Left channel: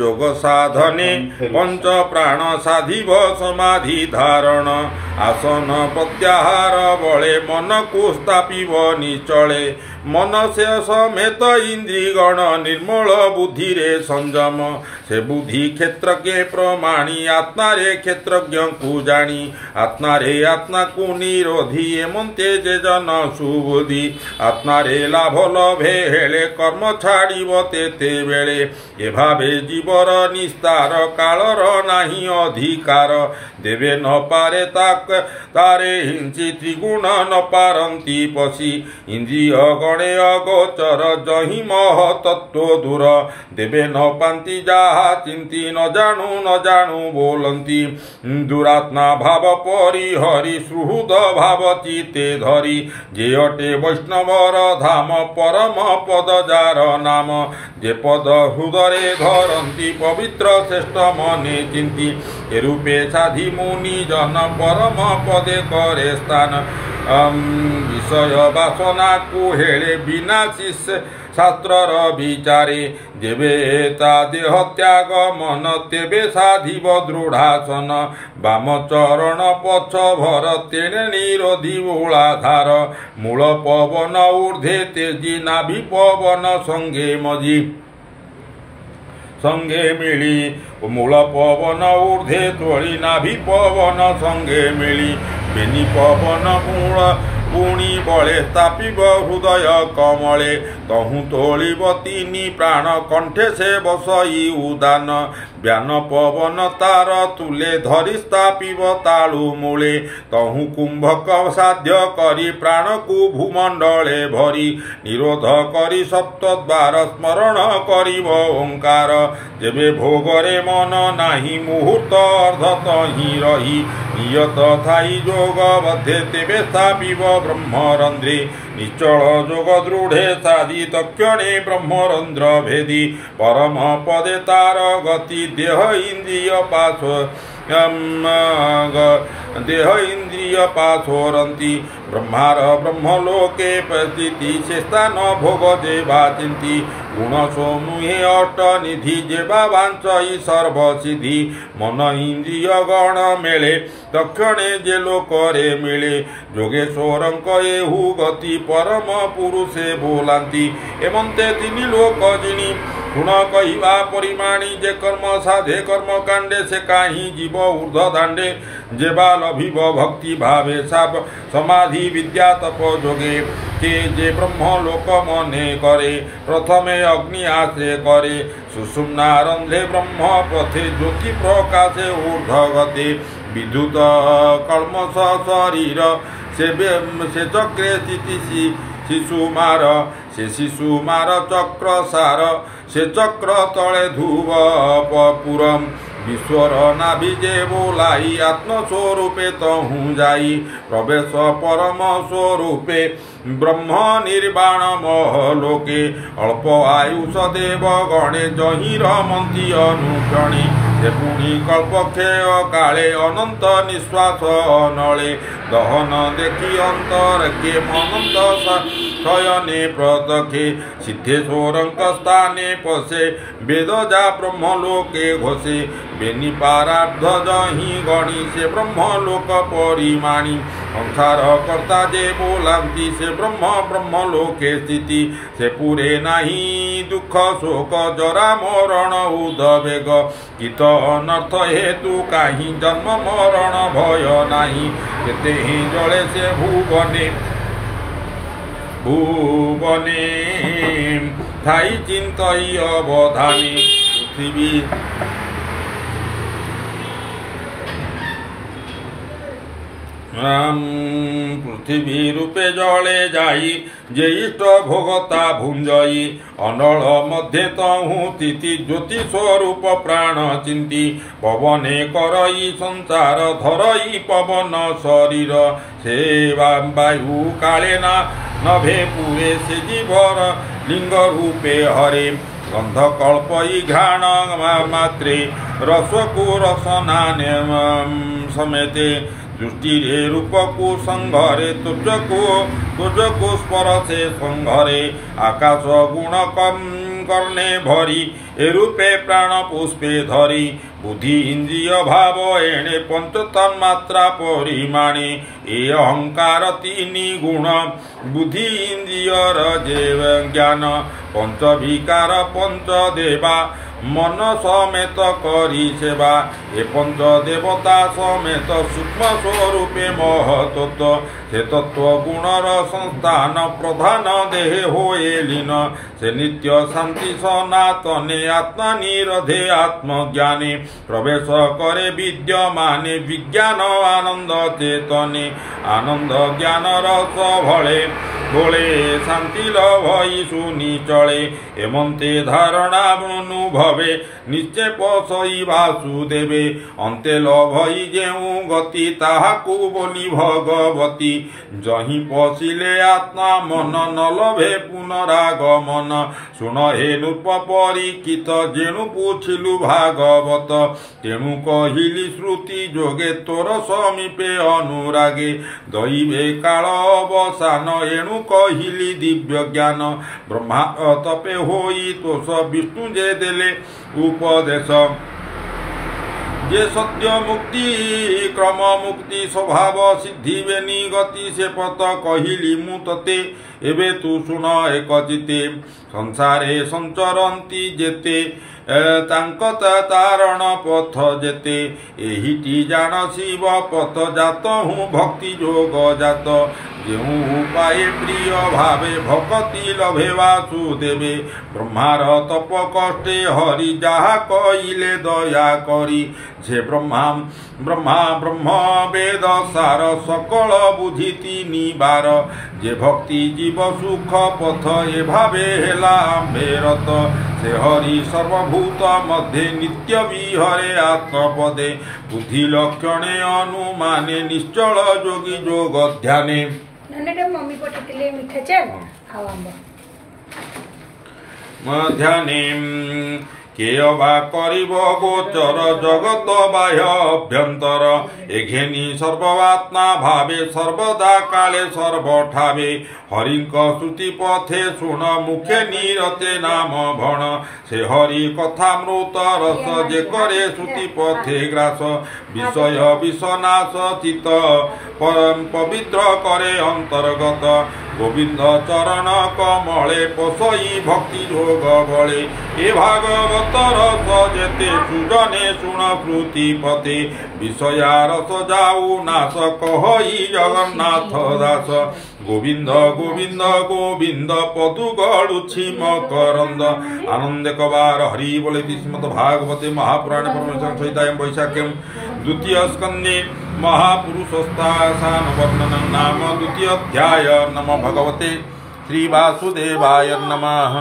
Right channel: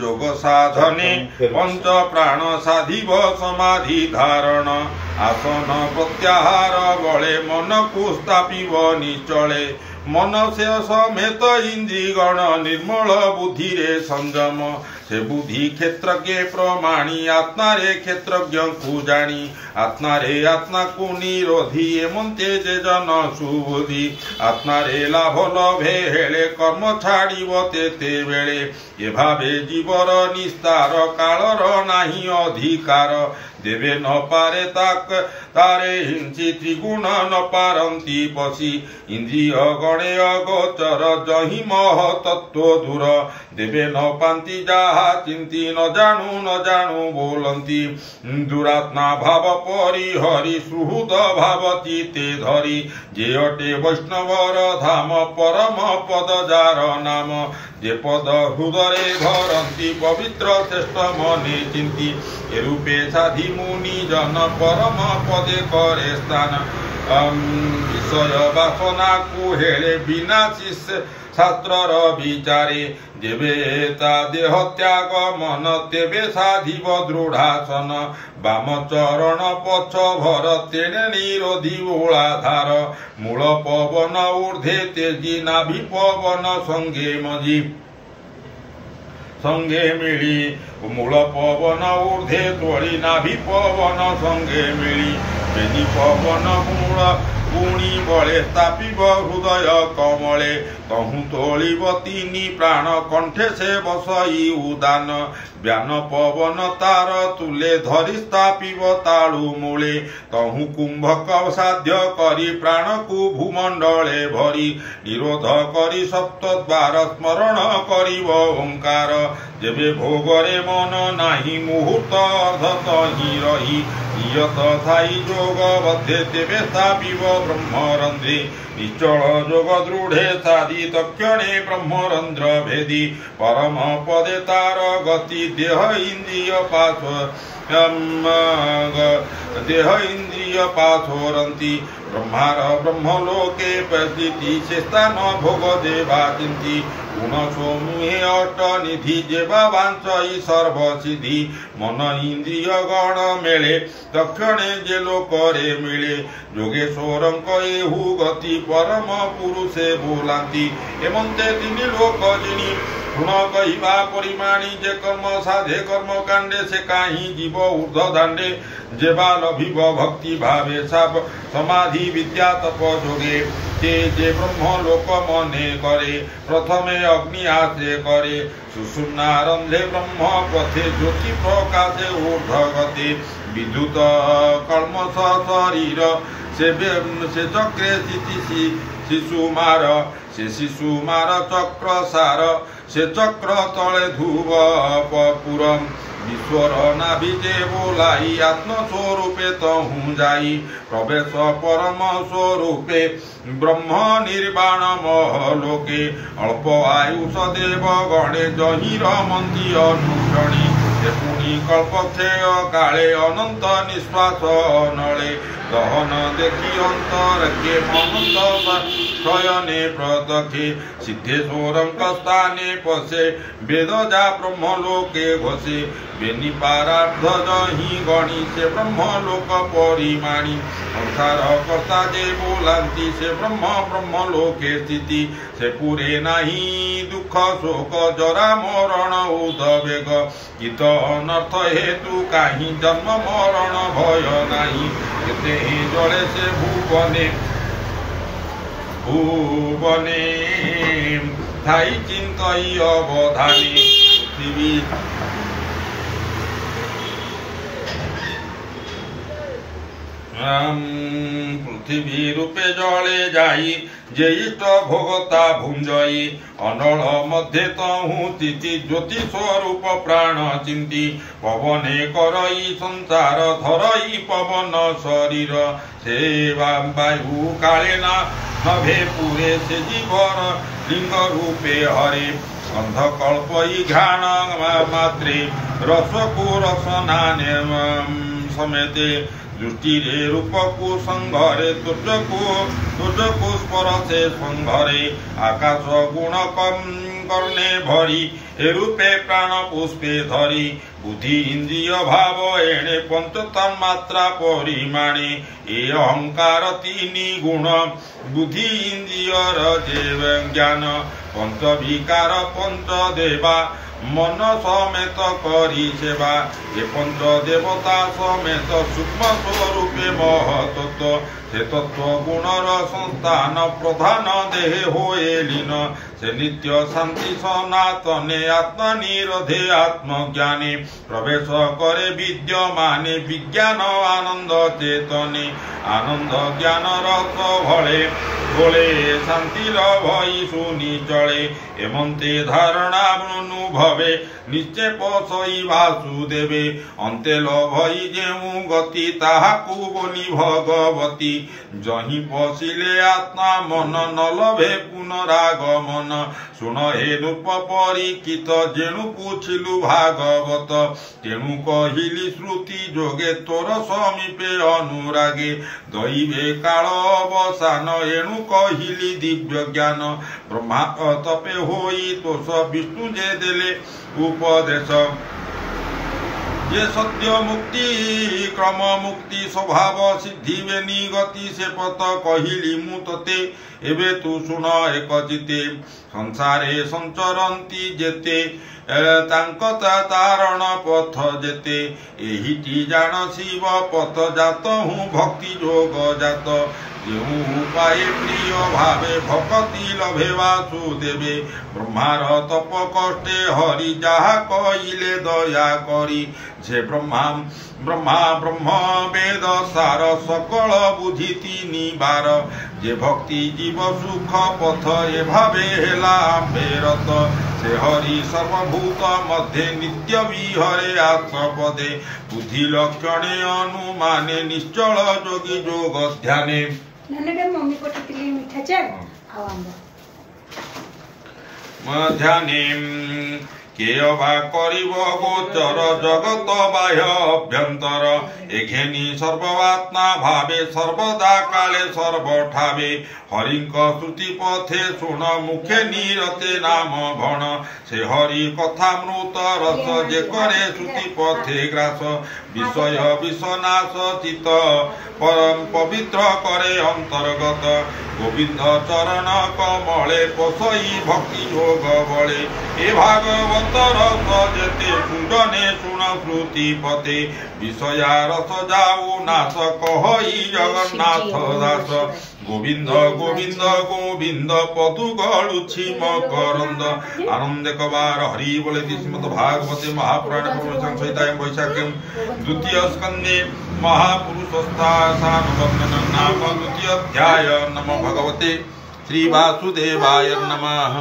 যোগ সাধনে পঞ্চ প্রাণ সাধিব সমাধি ধারণ আসন প্রত্যাহার বলে মনকু স্থাপিব নিচলে मन से समेत इंद्रिगण निर्मल बुद्धि रे संयम से बुद्धि क्षेत्र के प्रमाणी आत्मा रे क्षेत्रज्ञ को जानी आत्मा रे आत्मा को निरोधी एमंते जे जन सुबुद्धि आत्मा रे लाभ लभे हेले कर्म छाड़िब तेते बेले ए भावे जीवर निस्तार कालर नाही अधिकार देवे न पारे ताक तारे हिंसी त्रिगुण न पारंती पसी इंद्रिय गणे अगोचर जहि मह तत्व दूर देवे न पांति जाहा चिंती न जानू बोलंती दुरात्मा भाव परिहरि सुहृद भाव चिते धरी जे अटे वैष्णवर धाम परम पद जार नाम जे पद हृदय धरंती पवित्र श्रेष्ठ मने चिंती ए रूपे साधि मुनि जन परम पदे करे स्थान विषय वासना को हेले विनाशी शास्त्रर विचारे जेबे ता देह त्याग मन तेबे साधिब दृढ़ासन बाम चरण पछ भर तेणे निरोधी ओलाधार मूल पवन ऊर्ध्वे तेजी नाभि पवन संगे मझी संगे मिली मूल पवन ऊर्ध्वे तोड़ी नाभि पवन संगे मिली बेनी पवन मूल पुणी बले स्थापिब हृदय कमले तहु तोलिब तीनि प्राण कंठे से बसई उदान व्यान पवन तार तुले धरी स्थापिब तालु मूले तहु कुंभक साध्य करी प्राण को भूमंडले भरी निरोध करी सप्तद्वार स्मरण करिब ओंकार जेबे भोगरे मन नाही मुहूर्त अर्धत ही रही नियत थाई जोग बद्धे तेबे स्थापिब ब्रह्मरंध्रे निश्चल जोग दृढ़े साधि तक्षणे ब्रह्मरंध्र भेदी परम पदे तार गति देह इंद्रिय पाशोरंती ब्रह्मार ब्रह्मलोके प्रतीति से स्थान भोग जेवा चिंती गुण सोमुहे अट निधि जेवा वांछई सर्व सिद्धि मन इंद्रिय गण मेले दक्षिणे जे लोकरे मिले जोगेश्वरंक एहु गति परम पुरुषे बोलांती एमंते तिनि लोक जिनी गुण कहिबा परिमाणी जे कर्म साधे कर्म कांडे से काही जीव ऊर्ध्व दांडे जेबा लभिब भक्ति भावे साप समाधि विद्या तप जोगे जे ब्रह्म लोक मने करे प्रथमे अग्नि आश्रय करे सुषुम्नारंध्रे ब्रह्म पथे ज्योति प्रकाशे ऊर्ध्व गते विद्युत कल्मष शरीर से चक्रे स्थिति शिशुमार चक्र सार से चक्र तले धुव पुरम ईश्वर नाभिजे बोलाई आत्मस्वरूपे तहु जाई प्रवेश परम स्वरूपे ब्रह्म निर्वाण महलोके अल्प आयुष देव गणे जहि रमंती अनुगणी पुणी कल्पक्षय काले अनंत निश्वास नले दहन देखी अंतर के मनंत शयने प्रदखे सिद्धेश्वरंक स्थाने पशे वेद जा ब्रह्मलोके घोषे बेनी पाराब्ध जहि गणी से ब्रह्मलोक परिमाणी संसार कर्ता जे बोलांती से ब्रह्मलोके स्थिति से पूरे नाही दुख शोक जरा मरण उदवेग गीत अनर्थ हेतु काही जन्म मरण भय नाही केते ही जले से भुवने थाई चिंतई अवधानी पृथ्वी रूपे जले जाई जे इष्ट भोगता भुंजई अनल मध्य तहु तिथि ज्योति स्वरूप प्राण चिंती पवने करई संसार धरई पवन शरीर से वायु काले नभे पुरे से जीवर लिंग रूपे हरे गंध कल्पई घ्राण मात्रे रसको रसनाने समेते दृष्टि रे रूप को संघरे तुझ को स्पर से संघरे आकाश गुण कर्णे भरी ए रूपे प्राण पुष्पे धरी बुद्धि इंद्रिय भाव एणे पंच तन्मात्रा परिमाणे ए अहंकार तीन गुण बुद्धि इंद्रिय जेव ज्ञान पंच विकार पंच देवा मन समेत करी सेवा ए पंच देवता समेत सूक्ष्म स्वरूपे महतत्व से तत्व गुणर संस्थान प्रधान देहे होए लीन से नित्य शांति सनातने आत्मा निरधे आत्मज्ञाने प्रवेश करे विद्यमाने विज्ञान आनंद चेतने आनंद ज्ञान रस भले भोले शांति भई सुनी चले एमंते धारणा अनुभवे निश्चय पसई वासुदेवे अंते लभई जेउ गति ताहाकु बोली भगवती जही पशिले आत्मा मन न लभे पुनरागमन सुन हे रूप परिचित जेणु पूछिलु भागवत तेणु कहिली श्रुति जोगे तोर समीपे अनुरागे दैवे काल अवसान एणु कहिली दिव्य ज्ञान ब्रह्मा तपे होई तोष विष्णु जे देले उपदेश जे सत्य मुक्ति क्रम मुक्ति स्वभाव सिद्धि बेनी गति से पथ कहिली मु तते एबे तू सुन एक चिते संसारे संचरंती जेते तांक तारण पथ जेते एहिटी जान शिव पथ जात हूँ भक्ति जोग जात जेहू उपाय प्रिय भावे भक्ति लभे वासुदेवे ब्रह्मार तप कष्टे हरि जहा कइले दया करी जे ब्रह्मा ब्रह्म वेद सार सकल बुद्धि तीनि बार जे भक्ति जीव सुख पथ ए भावे हेला फेरत से हरि सर्वभूत मध्य नित्य विहरे आत्मपदे बुद्धि लक्षणे अनुमाने निश्चल जोगी जोग ध्याने मम्मी पठिले मिठा चाल आउ आंब ध्याने केयवा करिब गोचर जगत बाह्य अभ्यंतर एघेनी सर्वात्मा भावे सर्वदा काले सर्वठावे हरिक श्रुति पथे शुण मुखे निरते नाम भण से हरि कथा मृत रस जे करे श्रुति पथे ग्रास विषय विषनाश चित पवित्र करे अंतर्गत गोविंद चरण कमले पसई भक्ति योग बले ए भागवत रस जेते सुजने शुण श्रुति पथे विषया रस जाऊ नाश कहई जगन्नाथ दास गोविंद गोविंद गोविंद पदु गड़ुछि मकरंद आनंद कबार हरि बोले श्रीमद् भागवते महापुराणे संहितायां वैशाख्यं द्वितीय स्कंदे महापुरुषस्तासान वर्णनं नाम द्वितीय अध्याय। नमो भगवते श्री वासुदेवाय नमः।